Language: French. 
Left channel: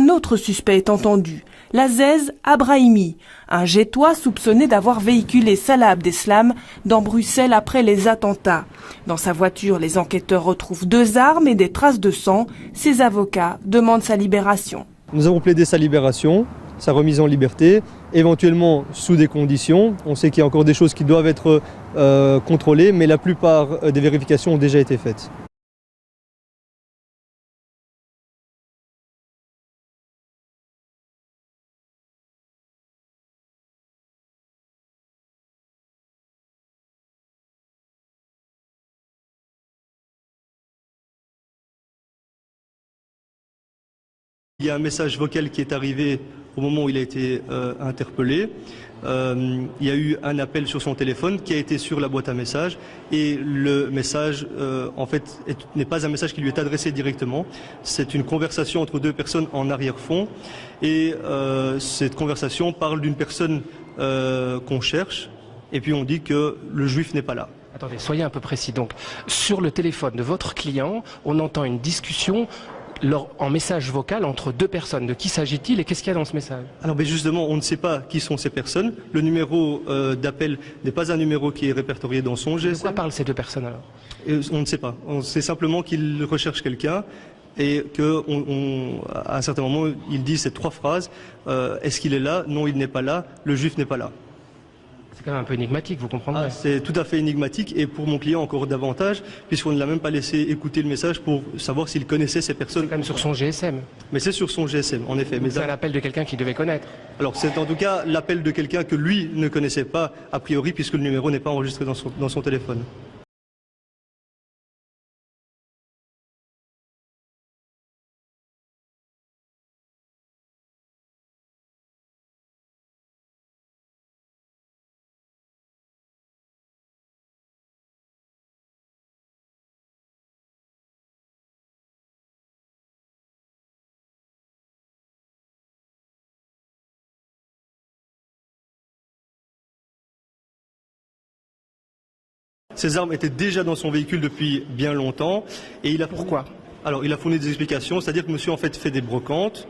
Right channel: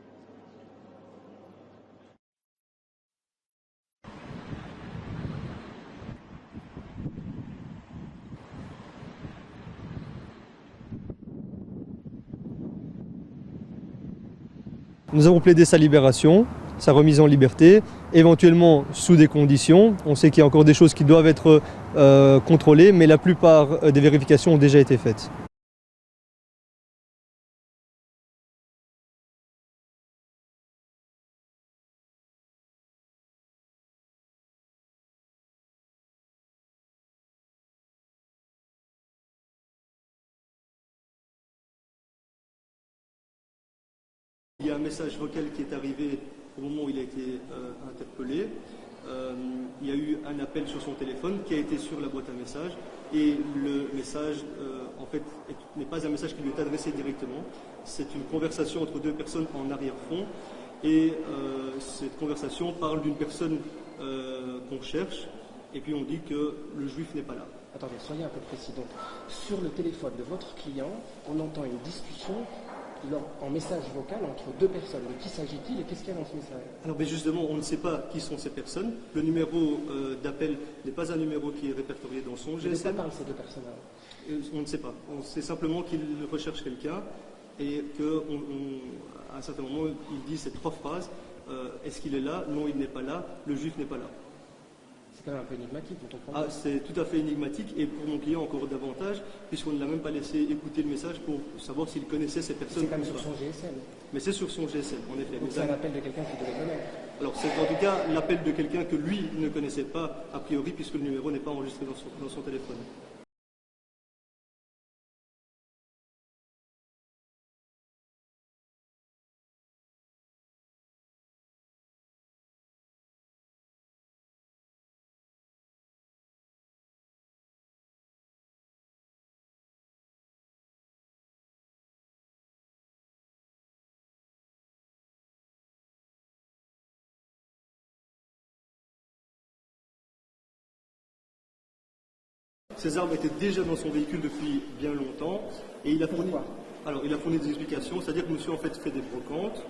Un autre suspect est entendu, l'Aziz Abrahimi, un Gétois soupçonné d'avoir véhiculé Salah Abdeslam dans Bruxelles après les attentats. Dans sa voiture, les enquêteurs retrouvent 2 armes et des traces de sang. Ses avocats demandent sa libération. Nous avons plaidé sa libération, sa remise en liberté, éventuellement sous des conditions. On sait qu'il y a encore des choses qui doivent être contrôlées, mais la plupart des vérifications ont déjà été faites. Il y a un message vocal qui est arrivé au moment où il a été interpellé. Il y a eu un appel sur son téléphone qui a été sur la boîte à messages et le message en fait n'est pas un message qui lui est adressé directement. C'est une conversation entre 2 personnes en arrière-fond et cette conversation parle d'une personne qu'on cherche et puis on dit que le juif n'est pas là. Attendez, soyez un peu précis. Donc, sur le téléphone de votre client, on entend une discussion en message vocal entre 2 personnes. De qui s'agit-il et qu'est-ce qu'il y a dans ce message? Alors mais justement, on ne sait pas qui sont ces personnes. Le numéro d'appel n'est pas un numéro qui est répertorié dans son GSM. De quoi parlent ces 2 personnes alors? Et on ne sait pas. On sait simplement qu'il recherche quelqu'un et qu'à un certain moment, il dit ces 3 phrases. Est-ce qu'il est là? Non, il n'est pas là. Le juif n'est pas là. C'est quand même un peu énigmatique, vous comprendrez. C'est tout à fait énigmatique et pour mon client encore davantage, puisqu'on ne l'a même pas laissé écouter le message pour savoir s'il connaissait ces personnes. C'est quand même sur son GSM. Mais c'est sur son GSM, en effet. C'est l'appel de quelqu'un qu'il devait connaître. Alors c'est en tout cas l'appel de quelqu'un que lui ne connaissait pas a priori, puisque le numéro n'est pas enregistré dans son téléphone. Ces armes étaient déjà dans son véhicule depuis bien longtemps et il a... Pourquoi? Alors il a fourni des explications, c'est-à-dire que monsieur en fait des brocantes.